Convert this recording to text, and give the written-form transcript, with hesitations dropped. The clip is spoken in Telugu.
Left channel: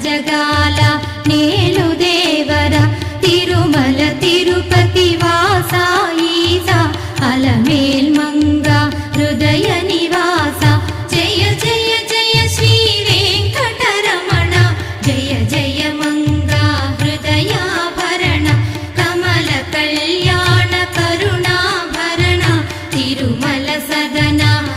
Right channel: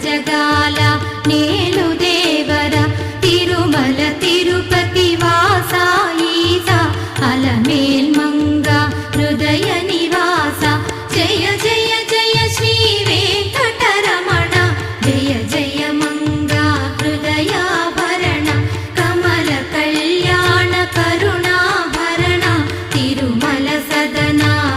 జగాల నేలు దేవర తిరుమల తిరుపతి వాసా ఈసా అలమేల్ మంగ హృదయ నివాస జయ జయ జయ శ్రీ వెంకటరమణ జయ జయ మంగ హృదయాభరణ కమల కళ్యాణ కరుణాభరణ తిరుమల సదనా